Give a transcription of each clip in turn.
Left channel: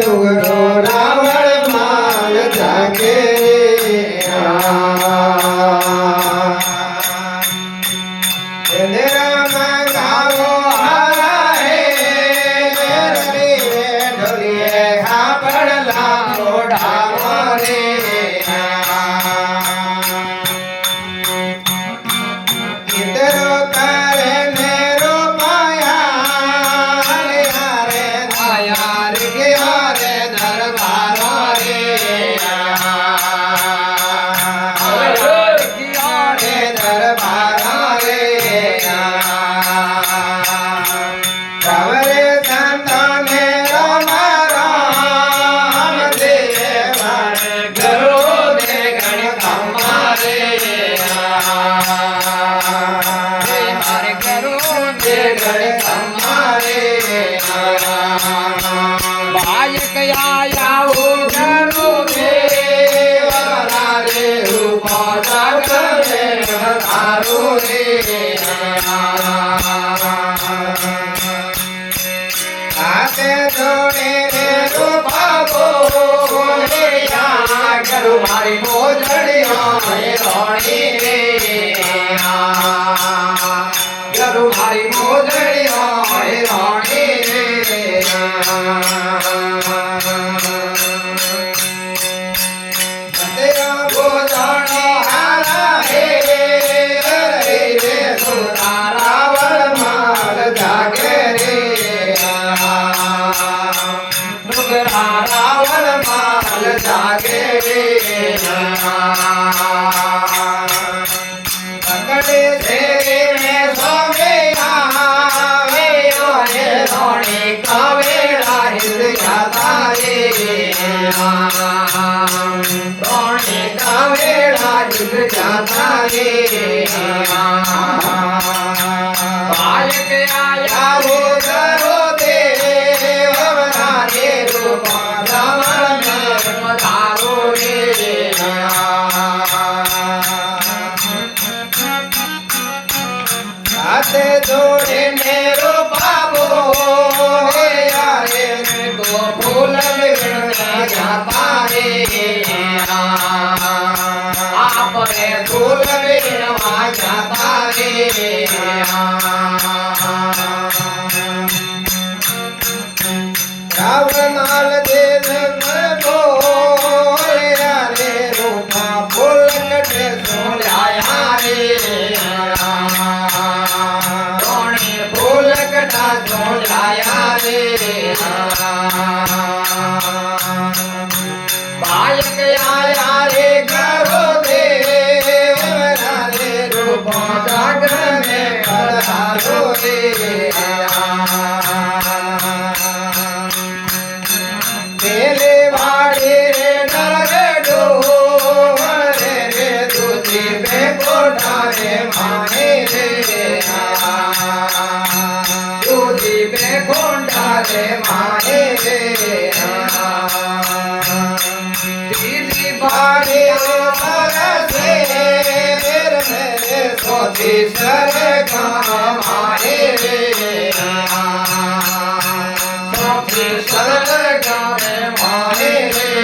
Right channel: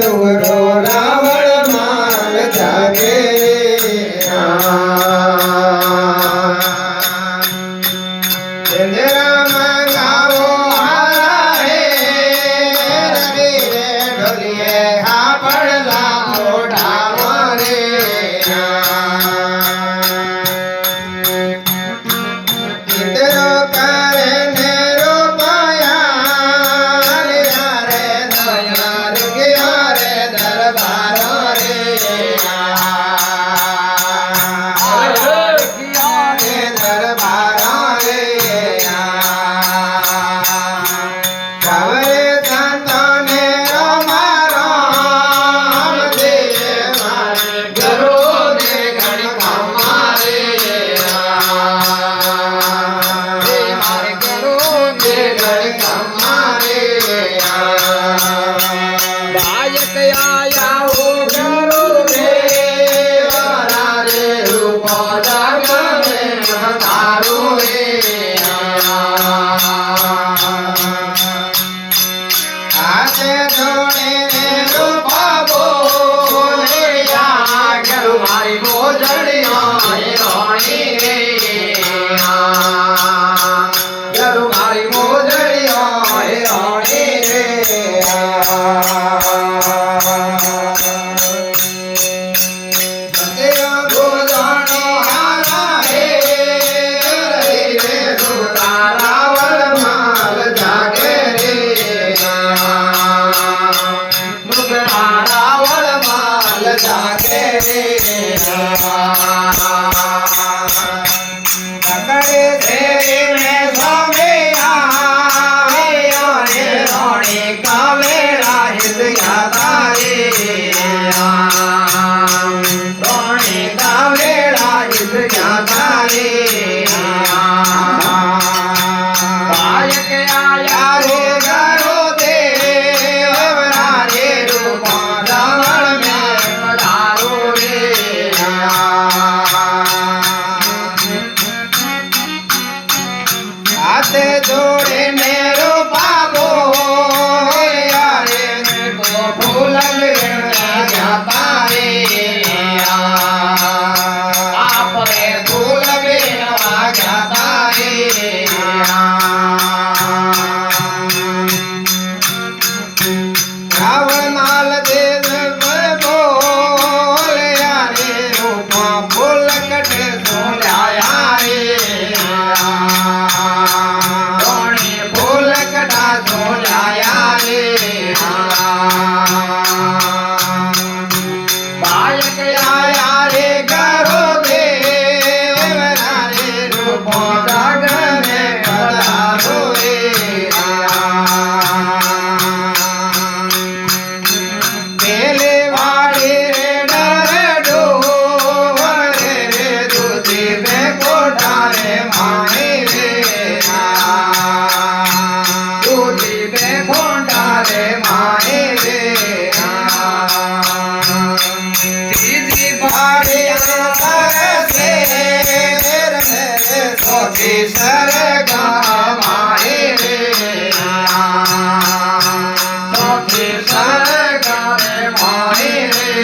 डोंगरो रावण माल जागे गावो हारा हे रे ढोलिए हा पडला मोठा मारे इतरो करे मेरो पाया रे हरे दया रे हरे दरबार रे दरबार रे गवरे संताने राम राम देव गरो दे गण हमारे दे गण हमारे बायक आया वो गरो देव रे रूप जाग में हजारो रे हाथे जोड़े ने रूपा बोलिया गरु भाई मोजड़िया रानी रे गरु भाई मोजड़िया रानी रे सत्या गोजानो हारा हे रे रावण माल जागे रे रावण माल जागे रे पकड़े तेरे में स्वामी आवे रोणी का मेरा हित ज्ञाता रे रोणी का मेरा हित ज्ञाता रे बालक आया रे गरो देव रे रूप रावण में पधारो रे हाथ जोड़े मेरो बाबो रे तो फूल जाता रे आप रे फूल बिनवा जाता रे रावण माल देव बोले रे रूपा फूल कटे सोलाया रे रोणी फूल कटा सोलाया रे बालक आया रे गरो देव रे रूप जागर में पधारो रे मेले वाड़ी रे डरे डोर रे दूधी में कोठा रे माए रे दूधी में कोठा रे माए रे दीदी बाड़ी रे सर से मेरे सोची सर गाए रे सोची सर गाए माए रे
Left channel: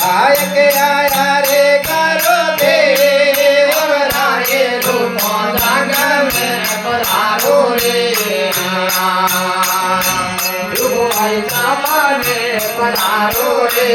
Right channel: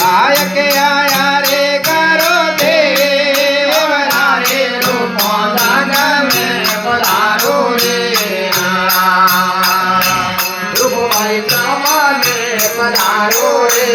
गायक आया रे करो देव रे रूप जाग में पधारो रे रूप भाई पधारो रे